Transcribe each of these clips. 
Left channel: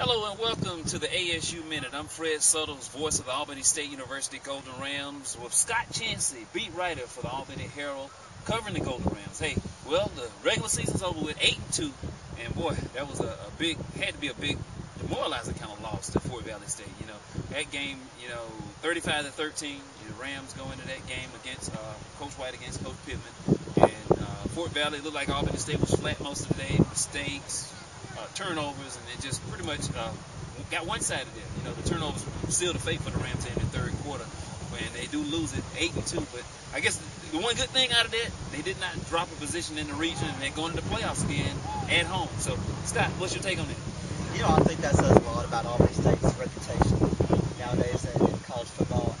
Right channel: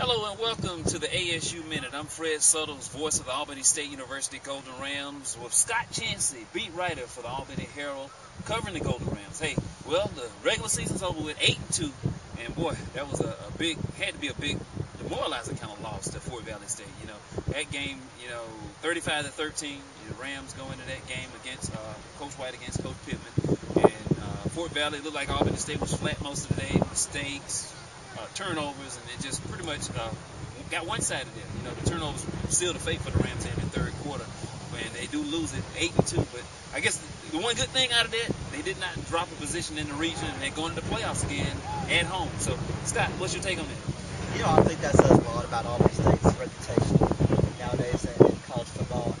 Hello and welcome to the ASU Minute. I'm Fred Suttles, voice of the Albany State University Golden Rams, with Scott Chancey, beat writer for the Albany Herald, covering the Golden Rams. Hey, well, the regular season's over with 8-2, and boy, that was had to be a big demoralizing kind of loss to Fort Valley State. You know, that game, 35-13, the Rams go into that game against Coach White against Coach Pittman, and Fort Valley looked like Albany State was flat most of the day, mistakes, turnovers, and it just pretty much got one-sided there. You know, the turnovers sealed the fate for the Rams in the third quarter, and they do lose it 8-2. But I guess the one good thing out of that, they did not drop a position in the region, and they're going to the playoffs again at home. So, Scott, what's your take on that? You know, I think that says a lot about Albany State's reputation nowadays in college football.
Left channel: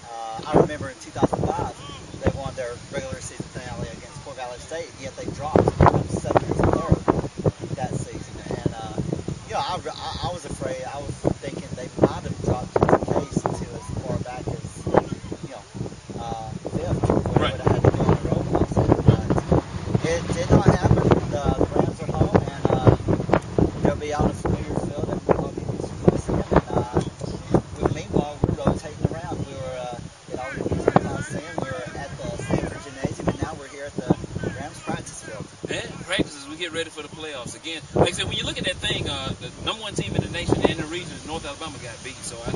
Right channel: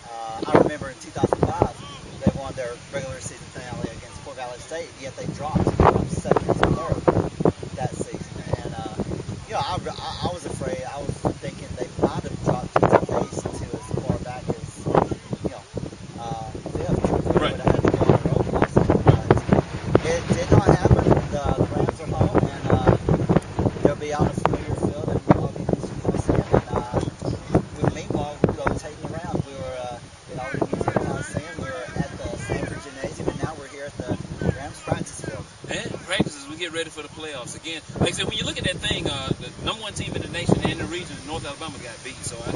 I remember in 2005, they won their regular season finale against Fort Valley State, yet they dropped from second to third that season. And, I was afraid. I was thinking they might have dropped the case to as far back as, fifth, where they would have had to go on the road also. But it did not happen. The Rams are home, and they'll be on a familiar field in Albany Coliseum. And meanwhile, we're rotating around. We were in Albany Coliseum. We were at the Stanford Gymnasium, and now we're here at the Rams practice field. Yeah, practices, we get ready for the playoffs again. Like I said, when you look at that thing, the number one team in the nation and in the region, North Alabama, got beat. So I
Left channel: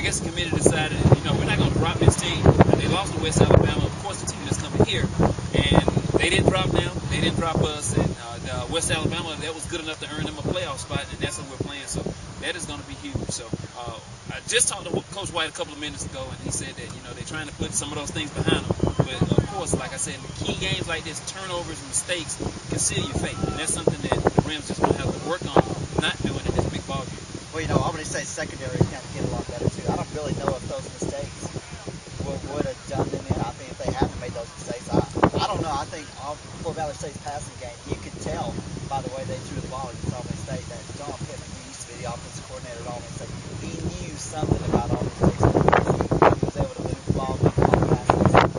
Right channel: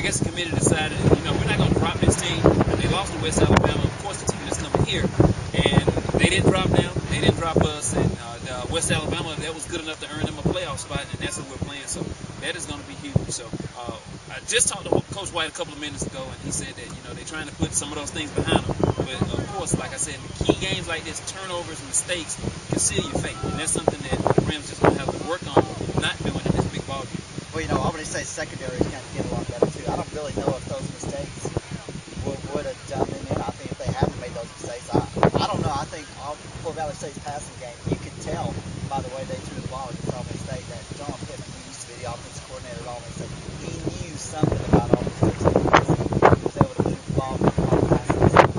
guess the committee decided, we're not going to drop this team. And they lost to West Alabama. Of course, the team that's coming here, and they didn't drop them. They didn't drop us. And West Alabama, that was good enough to earn them a playoff spot, and that's what we're playing. So that is going to be huge. So I just talked to Coach White a couple of minutes ago, and he said that they're trying to put some of those things behind them. But of course, like I said, the key games like this, turnovers, mistakes, can seal your fate, and that's something that the Rams just going to have to work on not doing in this big ball game. Well, Albany State's secondary is going to get a lot better too. I don't really know if those mistakes would have done them in. I think if they hadn't made those mistakes, I don't know. I think Fort Valley State's passing game, you could tell by the way they threw the ball against Albany State that John Pittman, who used to be the offensive coordinator at Albany State, he knew something about Albany State's defense. He was able to move the ball, make passes, and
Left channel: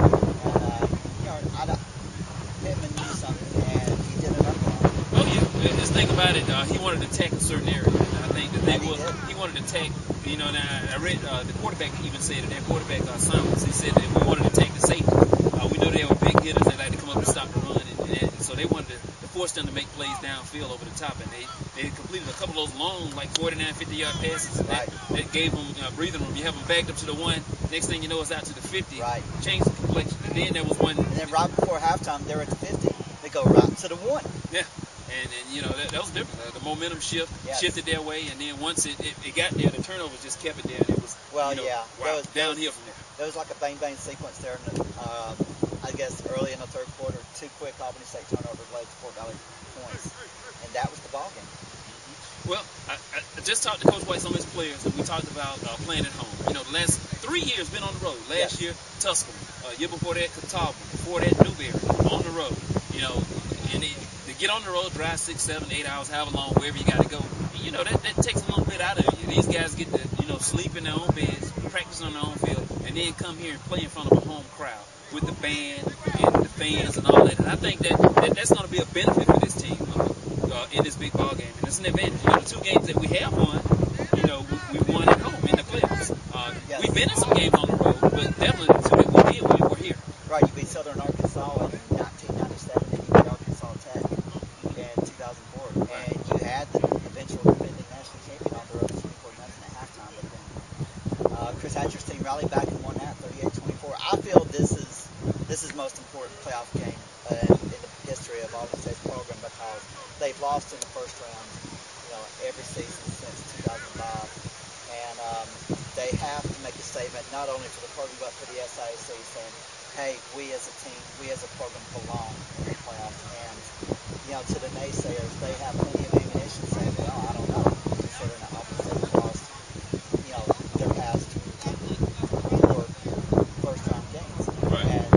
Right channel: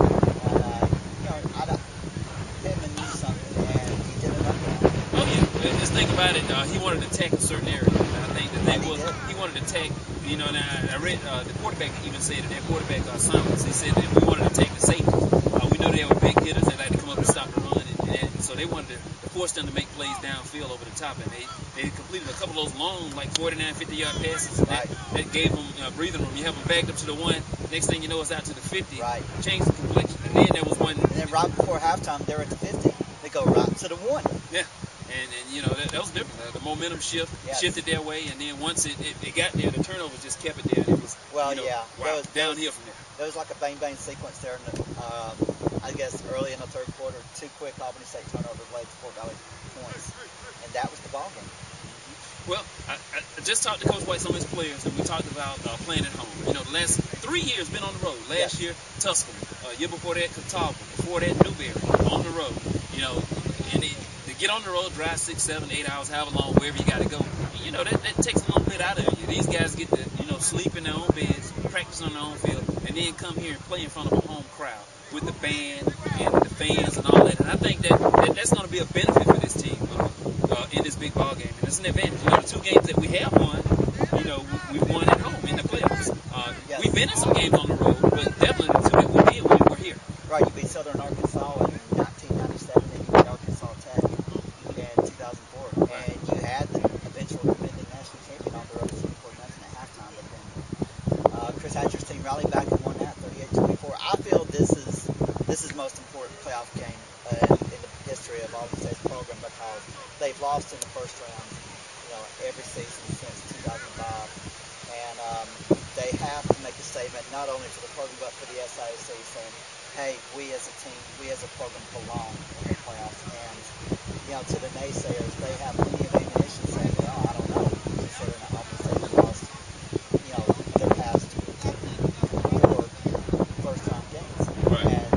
Pittman knew something, and he did enough for him. Oh yeah, just think about it. He wanted to attack a certain area. I think that he wanted to attack. Now I read the quarterback even said it. Their quarterback Suttles, he said that we wanted to attack the safeties. We know they were big hitters. They like to come up and stop the run, and so they wanted to force them to make plays downfield over the top. And they completed a couple of those long, like 49, 50-yard passes. And that gave them breathing room. You have them backed up to the one. Next thing you know, it's out to the 50. Right. Changed the complexion. And then there was one. And then right before halftime, they were at the 50. They go right to the 1. Yeah. And that was different. The momentum shifted their way, and then once it got there, the turnovers just kept it there, and it was downhill from there. There was like a bang-bang sequence there, I guess early in the third quarter. 2 quick Albany State turnovers led to Fort Valley points, and that was the ball game. Well, I just talked to Coach White, some of his players, and we talked about playing at home. The last 3 years been on the road. Last year, Tuscaloosa. Year before that, Catawba. Before that, Newberry. On the road. And to get on the road, drive 6, 7, 8 hours, however long, wherever you got to go. That takes a little bit out of you. These guys get to sleep in their own beds, practice on their own field, and then come here and play in front of a home crowd with the band and the fans and all that. And I think that's going to be a benefit for this team in this big ball game. And it's an advantage. The 2 games that we have won, we won at home in the playoffs. We've been in some games on the road, but definitely the 2 that we did when we were here. Right, you beat Southern Arkansas in 1997, and you beat Arkansas Tech in 2004. And you had the eventual defending national champion on the road, 24-0 at halftime. But then Chris Hatcher's team rallied back and won that 38-24. I feel this is most important playoff game in the history of Albany State's program, because they've lost in the first round, every season since 2005. And they have to make a statement not only for the program but for the SIAC, saying, hey, we as a team, we as a program belong in the playoffs. And, to the naysayers, they have plenty of ammunition saying, well, I don't know, considering that Albany State lost, their past 4 first-round games. Right. And,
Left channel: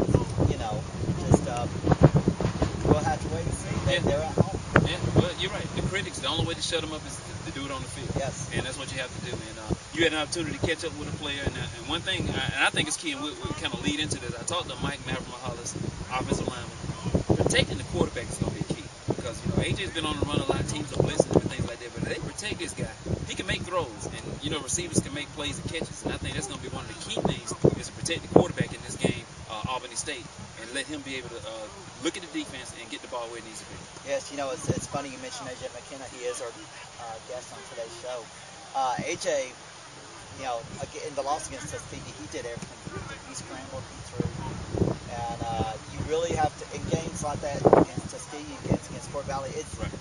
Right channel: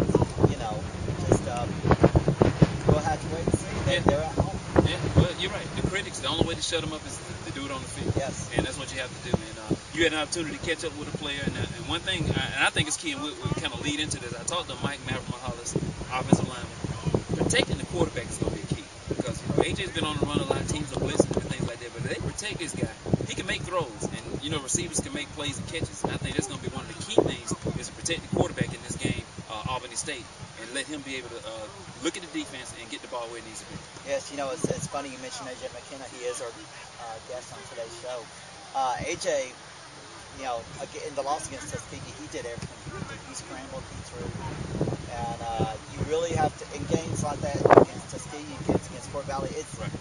we'll have to wait and see. They're at home. Yeah, well, you're right. The critics, the only way to shut them up is to do it on the field. Yes. And that's what you have to do. And you had an opportunity to catch up with a player. And one thing, and I think it's key, and we'll kind of lead into this. I talked to Mike Maverick-Mahalis, offensive lineman. Protecting the quarterback is going to be key. because, you know, AJ's been on the run a lot. Teams are blitzing and things like that. But if they protect this guy, he can make throws. And, you know, receivers can make plays and catches. And I think that's going to be one of the key things is to protect the quarterback in this game, Albany State, and let him be able to look at the defense and get the ball where it needs to be. Yes, you know, it's funny you mentioned AJ McKenna. He is our guest on today's show. AJ, you know, in the loss against Tuskegee, he did everything. He scrambled, he threw. And you really have to, in games like that, against Tuskegee, against Fort Valley,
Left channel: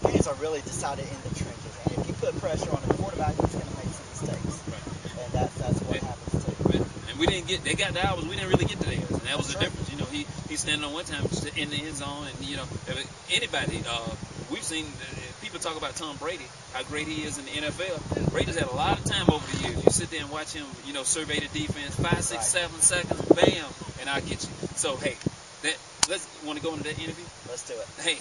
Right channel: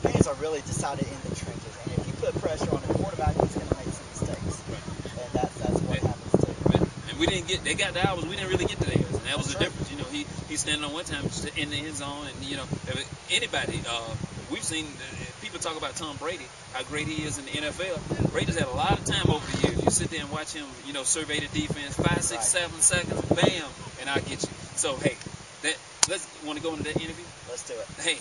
games are really decided in the trenches. And if you put pressure on the quarterback, he's going to make some mistakes. Right. And that's what happens too. Right. And we didn't get, they got the hours, we didn't really get to theirs. And that was the difference. You know, he's standing on one time just in the end zone. And, you know, anybody, we've seen people talk about Tom Brady, how great he is in the NFL. Brady's had a lot of time over the years. You sit there and watch him, you know, survey the defense, 5, 6, 7 seconds, bam, and I'll get you. So, hey, let's want to go into that interview? Let's do it. Hey,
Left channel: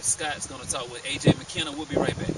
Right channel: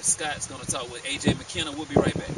Scott's going to talk with AJ McKenna. We'll be right back.